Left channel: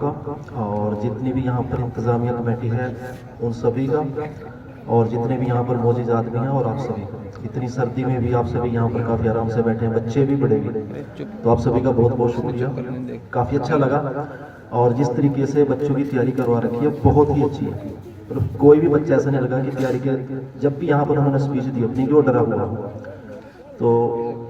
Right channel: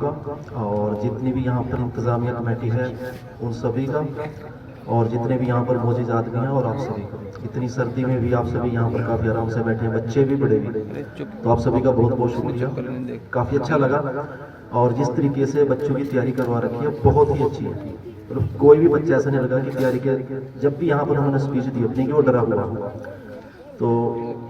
का और जितनी भी यहाँ पर इंतज़ामिया कमेटी है उन सभी का, और जितने भी यहाँ पर मौजूद आदमी हैं और आप सभी का। इतनी सर्दी में भी आप सभी यहाँ पर काफ़ी आराम से बैठे हैं, बच्चे भी बड़े भी, तो आप सभी का बहुत बहुत शुक्रिया। काफ़ी अच्छा लगा, और जिस तरीके से बच्चों की तैयारी करवा रखी है बहुत ही अच्छी है। और कोई भी बच्चा ऐसा नहीं लगा कि तैयारी के जब भी यहाँ पर उन्होंने स्पीच दी अपनी कि वो डरा हुआ। तो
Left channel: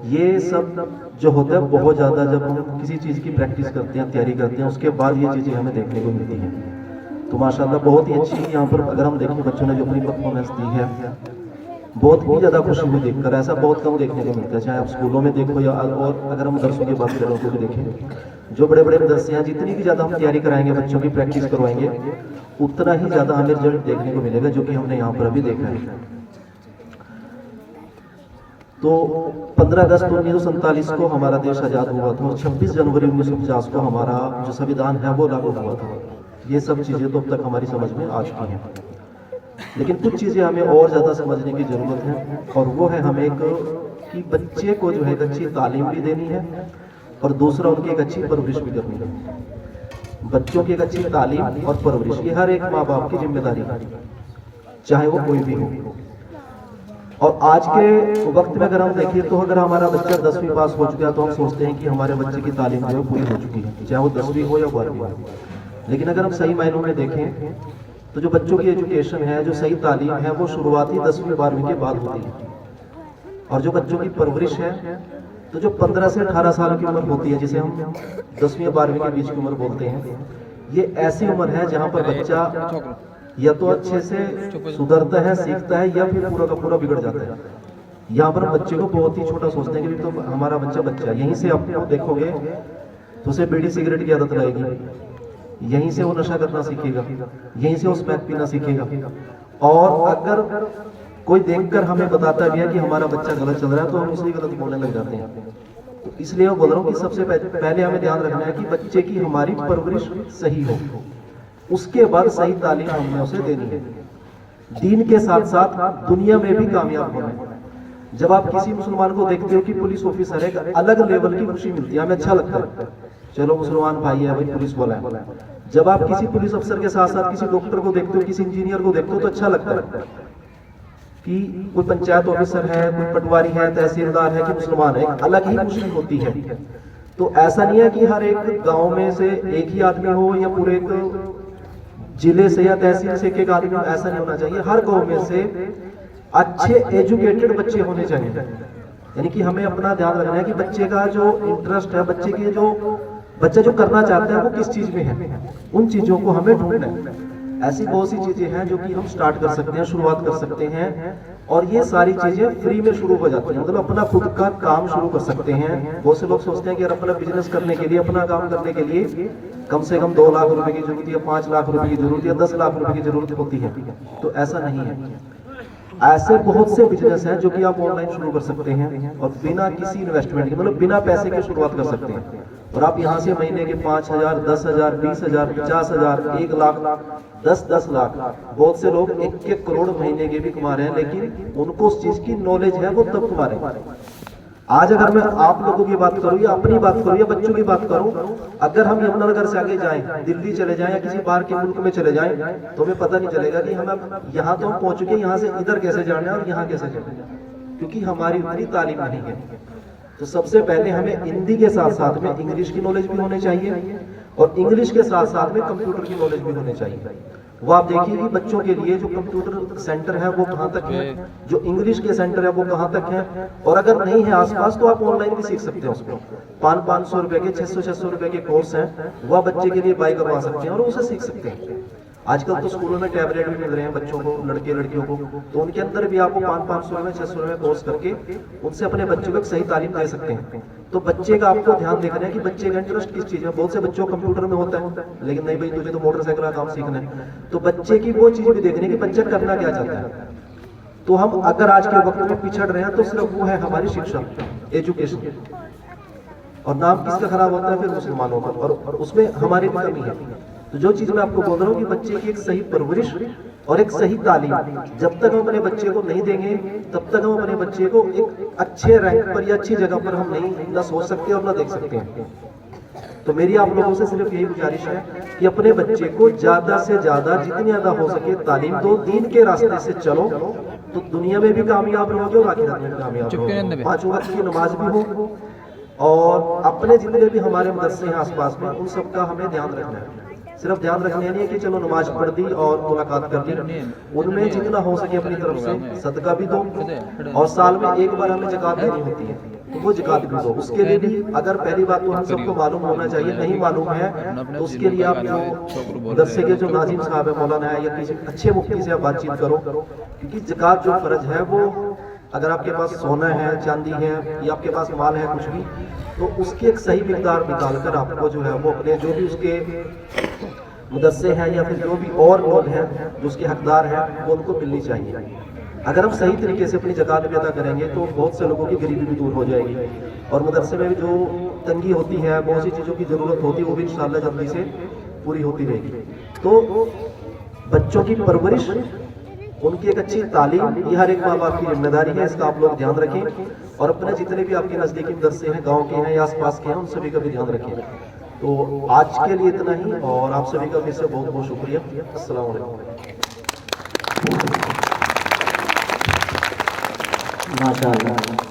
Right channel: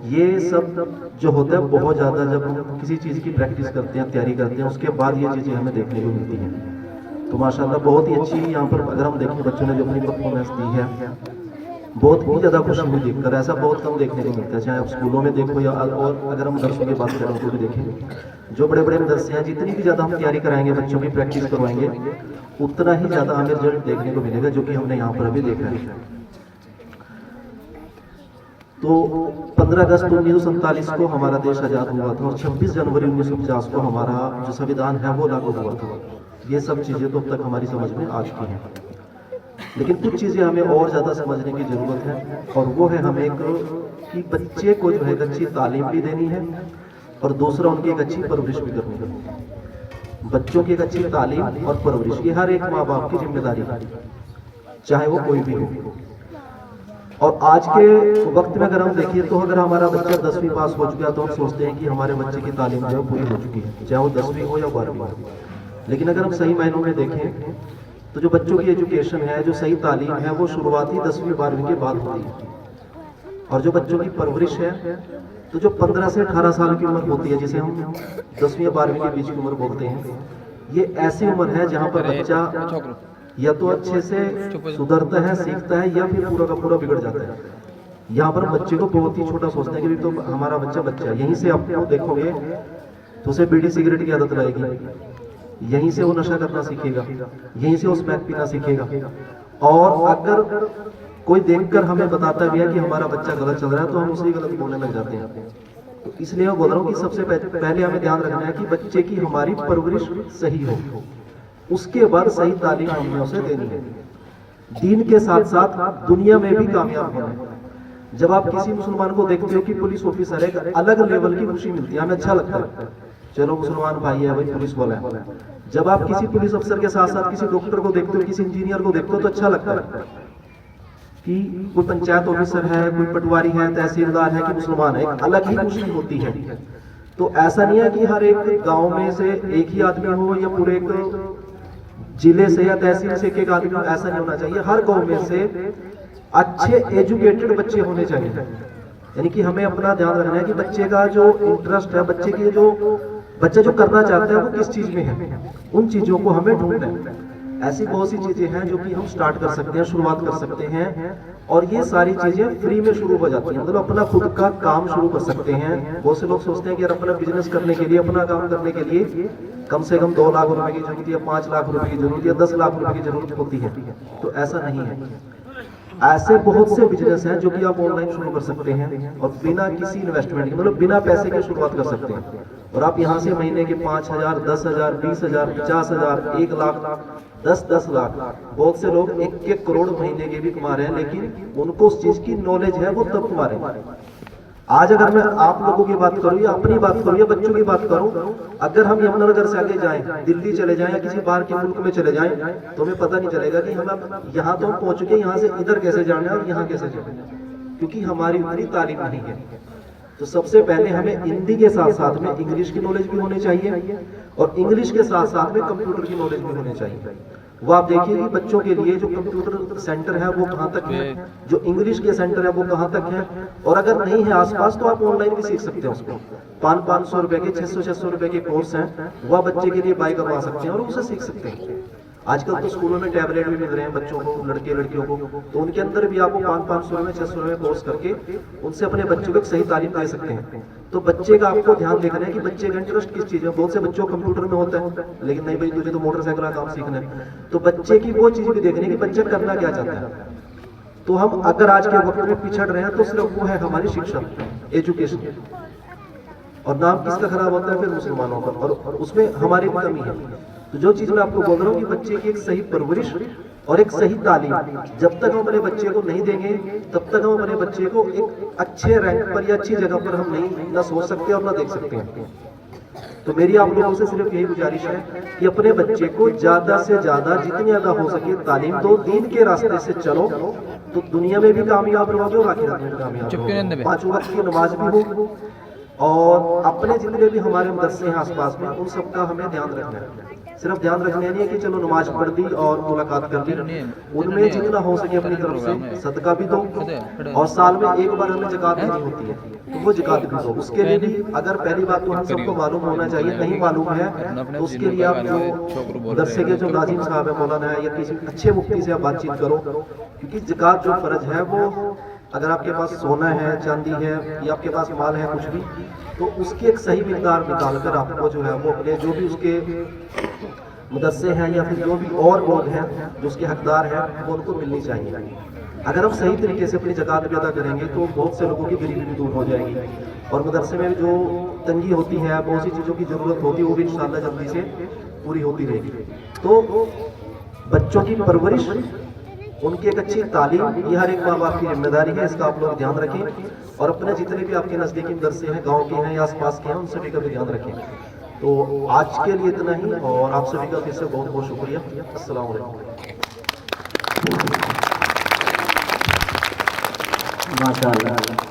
ये सब जो होता है बहुत ज़्यादा जब हम किसी चीज़ की प्रैक्टिस करते हैं, तैयारी करते हैं, उसके बाद ये चीज़ें हमें देखने को मिलती हैं। तो माशाल्लाह बहुत ही अच्छी यहाँ पर अगर हम देखें बच्चों ने जो अपनी परफॉर्मेंस दी है, बहुत ही ज़्यादा खुशी हुई देखकर। ऐसा बहुत कम देखने को मिलता है, चाहे आप स्कूलों में देखो या और अगर हम मदरसों की बात करें तो भी देखें। जो बड़े बड़े मदरसे हैं, जितनी भी ज़्यादा हम तैयारी कराएंगे, बच्चों की प्रैक्टिस करवाएंगे, उतना ही ज़्यादा हमें रिजल्ट देखने को मिलेगा, जो कि हमने यहाँ पर अभी देखा है। तो 15 अगस्त 1947 को हमारा देश आज़ाद हुआ था और 26 जनवरी 1950 को हमारा जो संविधान है वो लागू हुआ था। ये सब चीज़ें तो अब तक हमारी समझ में आ चुकी हैं, लेकिन कुछ चीज़ें हमें और ज़्यादा समझने की ज़रूरत है, और वो है हमें एक कि बच्चे को जो है अच्छी तालीम भी देनी है और दूसरा उनकी एक अच्छी परवरिश भी करनी है। बच्चों की एक अच्छी तालीम और परवरिश ये हर एक माँ बाप की जिम्मेदारी है, चाहे वो कोई भी हो। और आज के वक्त में अगर हम देखिए तो अगर हमारा बच्चा 10वीं पास हो चुका है तो हम सोचते हैं कि हमारे बच्चे की तालीम जो है पूरी हो चुकी है, चाहे वो 10वीं हो या 12वीं हो। लेकिन अगर हम सही मायनों में देखें तो जो बच्चों की एजुकेशन है, जो सही तालीम है, वो शुरुआती 10वीं 12वीं के बाद होती है। और जो बच्चों की परवरिश है, तो जो 15 से 18 साल की उम्र होती है, जिसे हम 10वीं या 12वीं के बीच की उम्र बोलते हैं, ये ऐसी उम्र है जहाँ पर बच्चा या तो अच्छे से सुधरता है, सीखता है, या फिर पूरा का पूरा बिगड़ जाता है। यहाँ पर बच्चे को बहुत ही छोटा सोचते हैं कि तो हमारा बच्चा है, यहीं से आपको देखोगे तो उसे बीड़ी सिगरेट की आदत रहेगी, यहीं से वो नशा करना सीखेगा, यहीं से वो स्मैक पीना सीखेगा। और अगर कोई देखकर हमें बताता भी है कि हमारा बच्चा गलत चल रहा है तो हम उसे गलत बोलने लग जाते हैं। तो इसलिए मैं बोल रहा हूँ कि सबसे पहले हमें ध्यान रखना है कि बच्चे की हमारी परवरिश सही हो, उसके बाद सही तालीम हमें उसे देनी है। दीन के साथ साथ दुनिया में भी कामयाब होना है। जब आप किसी मुसलमान को देखते हो कि पुलिस ऑफिसर है, अलग लेवल की खुशी मिलती है, हमें अच्छा लगता है, चलो मुसलमान भाई है, भाई पुलिस वाला है। जब आप किसी पुलिस अफसर के साथ साथ किसी डॉक्टर को देखते हो, किसी इंजीनियर को देखते हो, तो अच्छा लगता है कि कोई पंचायत ऑफिसर है, कोई पटवारी है, तहसीलदार है कि मुसलमान है, एक अलग ही खुशी होती है। तो ऐसा नहीं है कि हर एक गांव में से एक ही आदमी हो या पूरे एक जिले से या तहसील से एक आदमी, ऐसा नहीं होना चाहिए। हर गांव में से अच्छे एजुकेटेड बच्चे होने चाहिए। यानी कि हमें अपना ध्यान रखना है कि बच्चे का जो इंटरेस्ट है, बच्चा जो करना चाहता है वो किस चीज में है, उन चीजों को हमें ढूंढना है। ऐसी बहुत सी चीजें हैं जो कि हम स्टार्ट कर सकते हैं, शुरुआत कर सकते हैं, और ये सारी चीजें फ्री में शुरू हो जाती हैं। मतलब अपना खुद का काम शुरू कर सकते हैं। बहुत से लोग सोचते हैं कि यार अपना बिजनेस करने के लिए, अपना काम करने के लिए कम से कम 2 लाख रुपए की जरूरत है, 5 लाख रुपए की जरूरत है, 10 लाख रुपए की जरूरत होती है। तो ऐसा नहीं है। ऐसे बहुत से बिजनेस हैं जो कि आप ऑनलाइन शुरू कर सकते हैं और बिना किसी इन्वेस्टमेंट के, मतलब बिना पैसे के शुरुआत कर सकते हैं। और आप यहाँ से महीने के 5,000, 10,000, 20,000, 50,000, 1 लाख, 10 लाख, बहुत से लोग 1 करोड़ महीने के भी कमा रहे हैं, लेकिन उनको उस चीज की नॉलेज है, वो तब कमा रहे हैं। आज अगर मैं आप लोगों की बात करूं या अपनी बात करूं या बच्चों की बात करूं, अगर हम यमुनानगर से आगे जाएं, दिल्ली चले जाएं या किसी बाहर के मुल्क में चले जाएं, तो हमें पता नहीं चलेगा कि हम यहाँ तो हम पहुंच चुके, यहाँ से इधर कैसे जाना है और यहाँ कैसे जाना है, क्योंकि हमारी उतनी तालीम नहीं है। तो सबसे पहले हमें हिंदी के साथ साथ में इंग्लिश की नॉलेज भी होनी चाहिए, और इंग्लिश के साथ साथ में कंप्यूटर की नॉलेज भी होनी चाहिए। वो आप देखिए कि बच्चों के लिए जो कंप्यूटर सेंटर है वो कहाँ तक है, जो इंग्लिश के सेंटर है वो कहाँ तक है, और अगर नहीं है आसपास तो आप ऑनलाइन भी सीख सकते हैं उसको। 500 रुपए के, 600 रुपए के कोर्स हैं, वह बच्चे के लिए बाई करवा सकते हैं और उसे सीख सकते हैं। आजकल तो स्कूलों में टैबलेट भी मिल रहे हैं बच्चों को, लड़के लड़कियों को, तो उनके अंदर भी आपको 500 में 600 में कोर्स करके उनसे अपने बच्चों को सही तालीम दे सकते हैं। तो बच्चे का आपको ध्यान देखना है कि बच्चे का इंटरेस्ट किस चीज में। बहुत से बच्चों को कंप्यूटर में होता है, लेकिन नहीं भाई तुझे तो मोटरसाइकिल का काम सीखना है, तो बच्चे की वो चीज भी देखनी है कि बच्चा करना क्या चाहता है। तो हम अगर आज के वक्त में पिछड़ रहे हैं तो सिर्फ वो है हमारी शिक्षा, एजुकेशन, और नाम किसका खराब होता है फिर मुसलमानों का, और उसमें हमारी भी कमी है। तो जो चीज मैं आपको बोल रहा हूँ कि बच्चे की एक सही परवरिश और एक सही तालीम जब तक हम अपने बच्चे को नहीं देंगे, तब तक हम अपने बच्चे को एक अच्छे रैंक पर या अच्छी जगह पर हम नहीं ना सोच सकते और ना देख सकते हैं। तो मेरी आप लोगों से सिर्फ यही गुजारिश है कि अपने बच्चे को ज्यादा से ज्यादा जितनी ज्यादा हो सके तालीम दो, दीन के रास्ते से चलो तो दुनिया में भी कामयाब रहोगे और आखिरत में भी कामयाब रहोगे। 5 वक्त की नमाज भी हो और अपने जितने भी हमारे मदरसे हैं आसपास में उन सबका हमें ध्यान रखना है। सिर्फ ध्यान रखना नहीं है कि चलो नमाज पढ़ दी और मुलाकात कर ली, उनमें जितना हो सके अपनी तरफ से सदका भी दो और साल में एक बार हमें ज़कात देनी होती है तो वो ज़कात भी दो। उसके लिए भी अगर पहली बात तो हम सबको मालूम होना चाहिए, नहीं मालूम है तो उसके लिए आप जो मदरसे के जो नाजिम साहब है मौलाना है या किसी अच्छे मुफ्ती से आप बातचीत करो, क्योंकि ज़कात जो फर्ज है वो अगर आपके पास सोना है, चांदी है या आपके पास माल है कुछ भी, तो उसकी एक सही मिकदार निकाल कर आपको जो है वो अपने जो भी उसके मदरसे हैं या फिर जो भी और लोग हैं जो उसके हकदार हैं वो उनको मिलनी चाहिए। अगर हम सही तरीके से अपनी ज़कात अदा करेंगे तो बहुत से लोगों की गरीबी भी दूर हो जाएगी और मदरसे में जो तंगी होती है, बहुत सी चीज़ों की ज़रूरत होती है, वो भी इंशाअल्लाह जल्दी से पूरी होती रहेगी। तो बच्चों की परवरिश, उनकी एक अच्छी तालीम, ये हर एक माँ बाप की जिम्मेदारी है, इसका आप लोग ध्यान रखें और अपने जितने भी आपके नज़दीकी मदरसे हैं, गांव के हैं या आसपास के हैं, उन सभी का भी ध्यान रखें। तो आज के लिए इतना ही और आप सभी का फिर से बहुत बहुत शुक्रिया। अस्सलाम वालेकुम। माशाअल्लाह।